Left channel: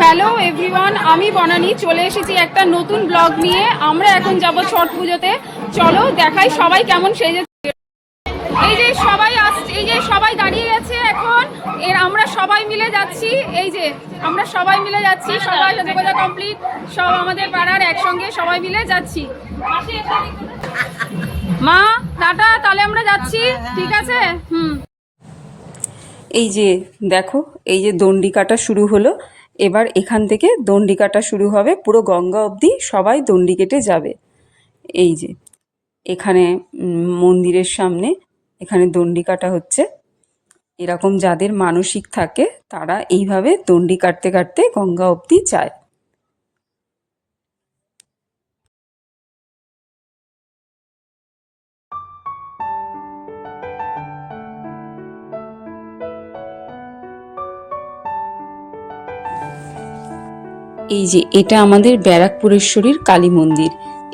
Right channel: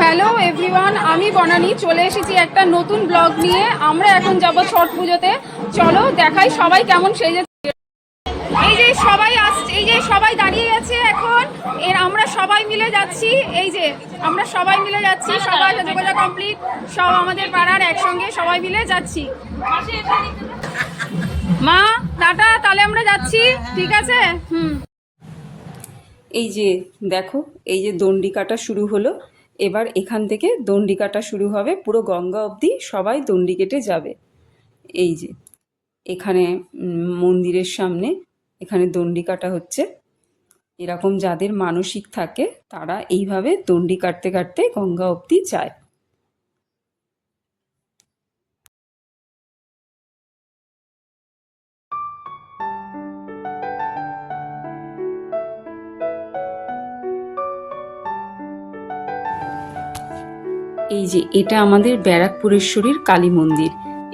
Hello everyone, আমি বনানী চলে এসেছি একটা নতুন ব্লগ নিয়ে। আমরা এখন যাব ছট পুজোতে। চলো দেখাই সবাই কেমন সেজেছে। এই যে সবাই আসছে, এই যে সবাই দাঁড়িয়ে গেছে এখন। আমরা সবাই মিলে যাচ্ছি, এই যে আমরা সবাই মিলে যাচ্ছি, সবাই সাজগোজা কমপ্লিট, সব আমাদের পাড়ার একসঙ্গে সবাই মিলে যাচ্ছি। মা টাটা, তাহলে আমরা যাচ্ছি, ঠিক আছে? এই যে দেখো, এই যে দণ্ডি কাটা শুরু হলো। এবার এখান থেকে দণ্ডি কাটা শুরু হবে, পুরো গঙ্গা অবধি সবাই দণ্ডি কেটে যাবে। এই যে এখানে মন্দিরের সামনে এখানে দণ্ডি কাটা হচ্ছে। এরকম যাদের মানসিক থাকে তারা এইভাবে দণ্ডি কাটতে কাটতে গঙ্গা অবধি যায়। এই যে এটা আমাদের ব্যারাকপুরেশ্বরীর কালী মন্দির।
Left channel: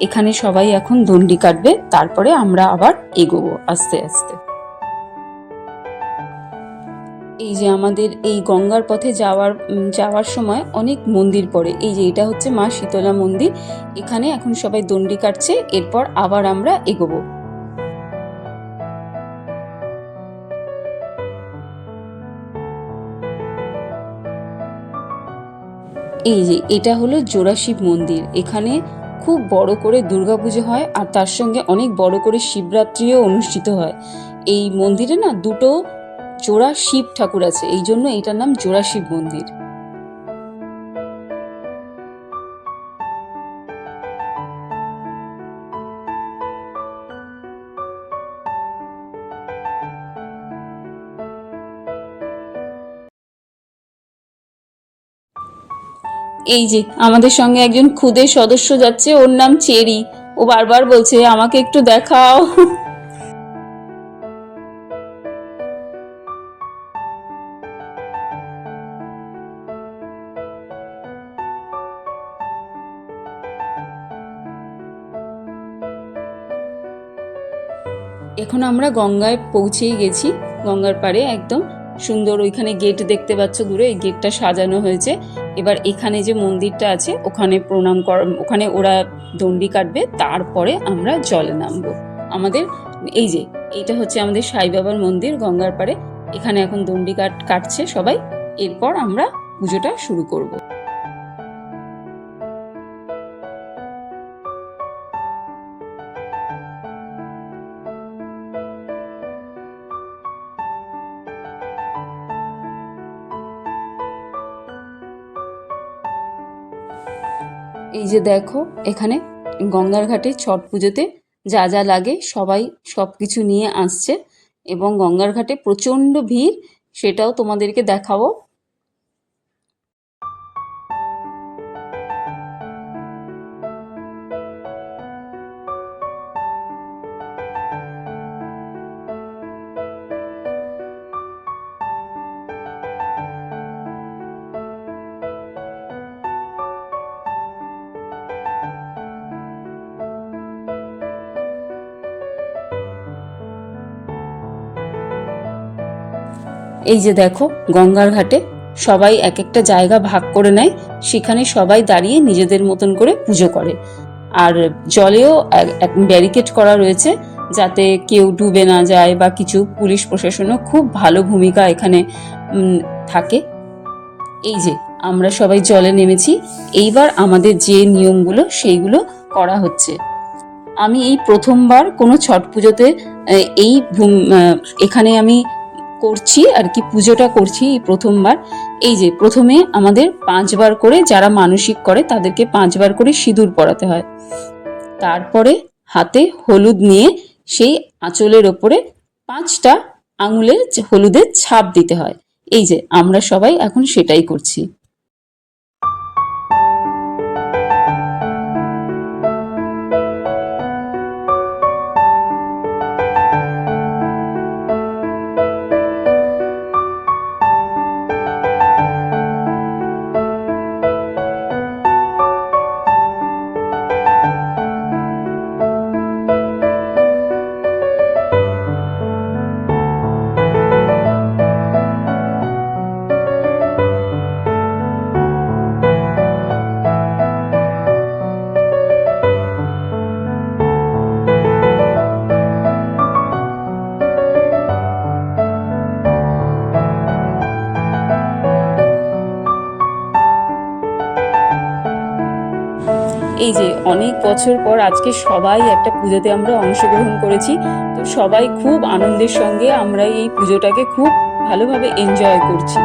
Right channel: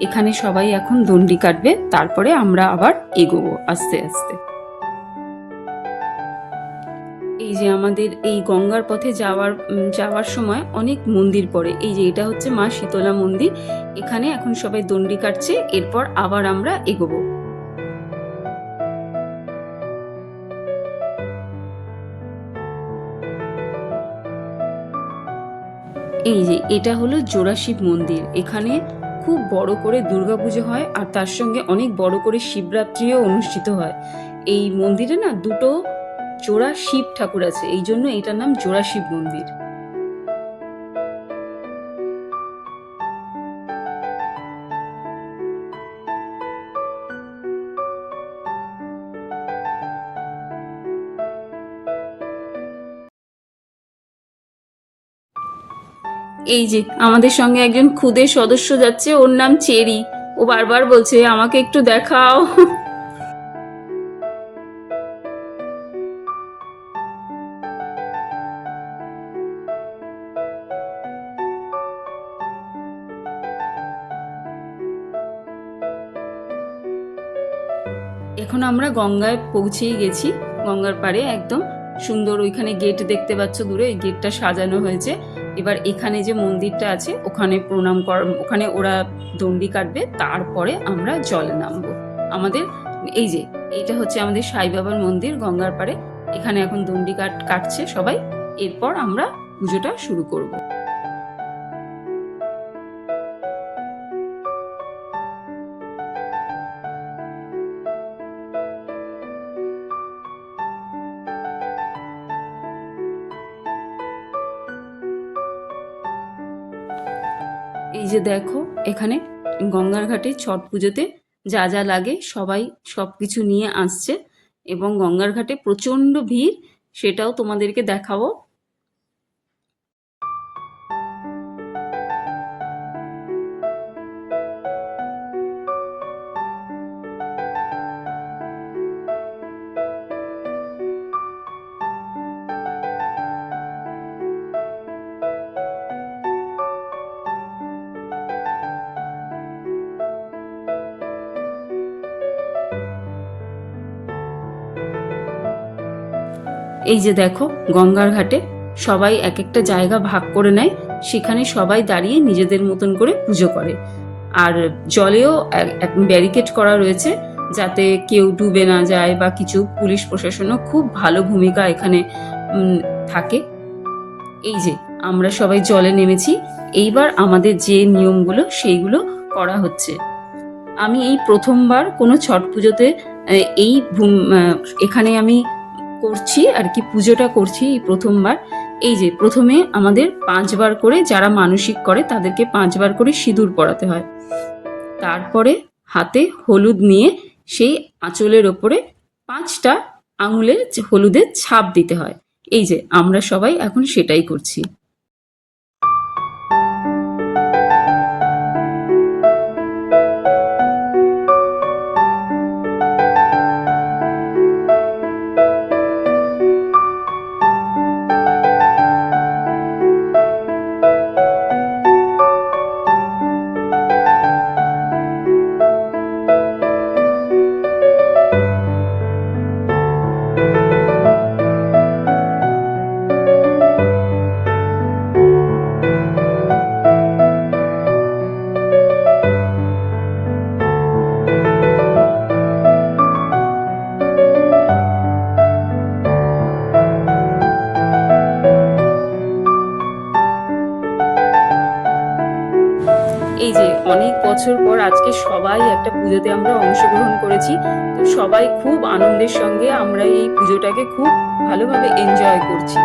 এখানে সবাই এখন দণ্ডি কাটবে, তারপরে আমরা আবার এগোবো আস্তে আস্তে। এই যে আমাদের এই গঙ্গার পথে যাওয়ার সময় অনেক মন্দির পড়ে। এই যে এটা হচ্ছে মা শীতলা মন্দির। এখানে এখন সবাই দণ্ডি কাটছে, এরপর আবার আমরা এগোবো। এই যে এটা হলো জোড়াশিব মন্দির। এখানে খুব বড় করে দুর্গাপুজো হয়, আর তার সঙ্গে অনেক বড় করে শিবরাত্রিও অনুষ্ঠিত হয়। এই মন্দিরে না দুটো জোড়া শিব ঠাকুর আছে, এই জন্য এটার নাম জোড়াশিব মন্দির। এই যে আমাদের সঙ্গে একজন খুদে সদস্য যাচ্ছে, ওর নাম চেরি। ও বারবার বলছে আমাকে একটু দেখাও। এখন আমরা গঙ্গায় পৌঁছেই গেছি, গঙ্গার পাড়ে একদম সুন্দর। ওইখানে গেট দেখতে পাচ্ছ দূরে, এই গেটটা সাজানো হয়েছে। এবার এখানে যে মন্দিরটা আছে ওখানে প্রণাম ওখানে ওরা দণ্ডি কাটবে, তারপরে আমরা জলে নামবো। আমাদের এই যে এইটা হচ্ছে আমাদের সাই বাবার মন্দির গঙ্গার পাড়ে। এখানে এখন দণ্ডি কাটছে সবাই, এরপর আমরা পুজোটা শুরু করব। এই যে দেখো, এখানে গঙ্গার ঘাটে ছট পুজোতে যা যা লাগে সবাই সব কিছু নিয়ে আসছে, এবং গঙ্গার ঘাটে প্রচণ্ড ভিড়, সেটাও তোমাদেরকে দেখাবো। এই যে দেখো, গঙ্গার ঘাটে সবাই এক একটা জায়গা ভাগ করে নেয়, সেখানে সবাই দাঁড়িয়ে নিজেদের মতন করে পুজো করে। আর জলেও ব্যারিকেড করা রয়েছে যাতে কেউ ডুবে না যায় বা কিছু। পুলিশ প্রশাসনও খুব ভালো ভূমিকা এখানে থাকে। এই যে আমরা সবাই জলে নেমেছি, এইবার আমাদের যে নিয়মগুলো সেইগুলো করা হচ্ছে। আমি এই প্রথমবার কোনো ছট পুজোতে এই এখানে আমি করছি আর কি, পুজোটা করছি এই প্রথমবার। এই যে প্রথমে আমাদের 5বার করে, যারা মানসিক করে তাদেরকে 5বার করে সিঁদুর পরাতে হয়। তারপরে হাতে হলুদ নিয়ে সেই আঁচলের ওপরে 5টা আঙুলের হলুদের ছাপ দিতে হয়। এই যে আমরা সবাই এখন সেটাই করছি। এই যে অনেক বছর পর আজকে সবাই একটা পুজোতে আমরা অংশগ্রহণ করেছি, তো সবাই খুব আনন্দের সঙ্গে আমরা এই পুজোটাকে খুব ভালোভাবে এনজয় করছি।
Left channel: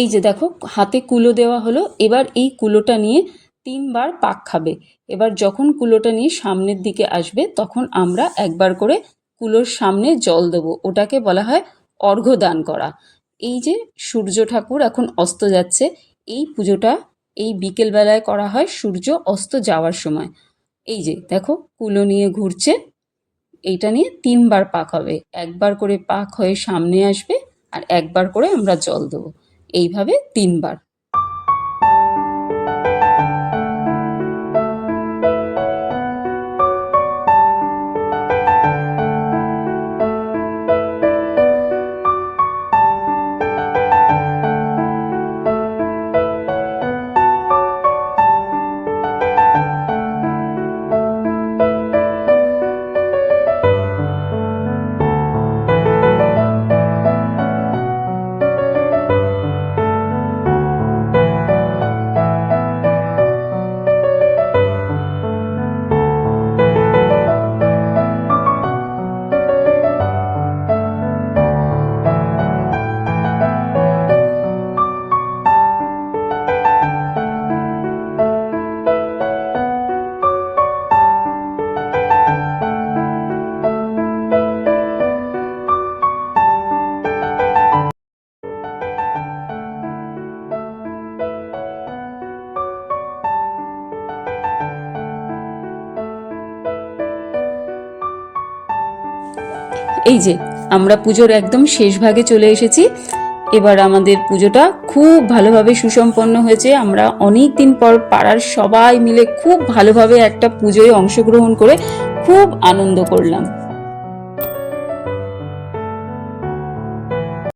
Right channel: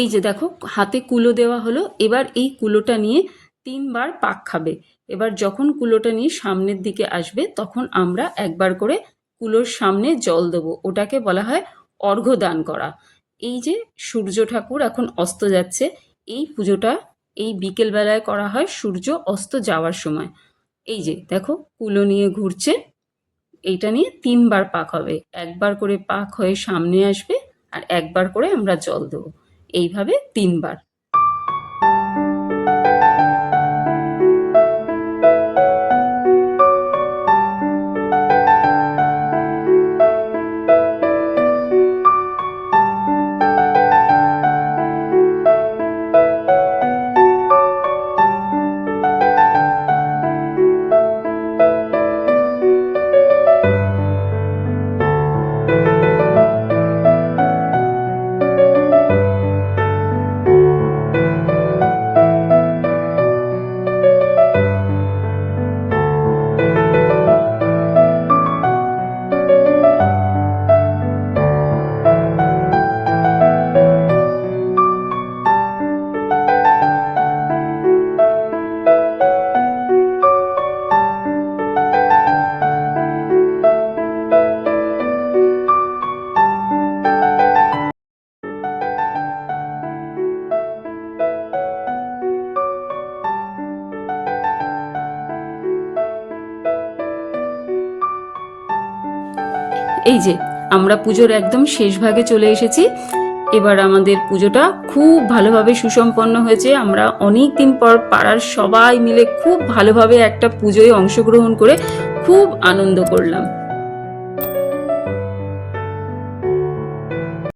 এই যে দেখো হাতে কুলো দেওয়া হলো, এবার এই কুলোটা নিয়ে 3বার পাক খাবে। এবার যখন কুলোটা নিয়ে সামনের দিকে আসবে তখন আমরা একবার করে কুলোর সামনে জল দেবো, ওটাকে বলা হয় অর্ঘ্য দান করা। এই যে সূর্য ঠাকুর এখন অস্ত যাচ্ছে, এই পুজোটা এই বিকেলবেলায় করা হয় সূর্য অস্ত যাওয়ার সময়। এই যে দেখো কুলো নিয়ে ঘুরছে, এইটা নিয়ে 3বার পাক হবে, একবার করে পাক হয়ে সামনে আসবে আর একবার করে আমরা জল দেবো, এইভাবে 3বার। এই যে আমরা পুজোর একদম শেষ ভাগে চলে এসেছি। এবার আমাদের পুজোটা খুব ভালোভাবে সুসম্পন্ন হয়েছে। আমরা অনেক দিন পর পাড়ার সবাই মিলে খুব ভালোভাবে একটা পুজোয় অংশগ্রহণ করে খুব আনন্দ করলাম।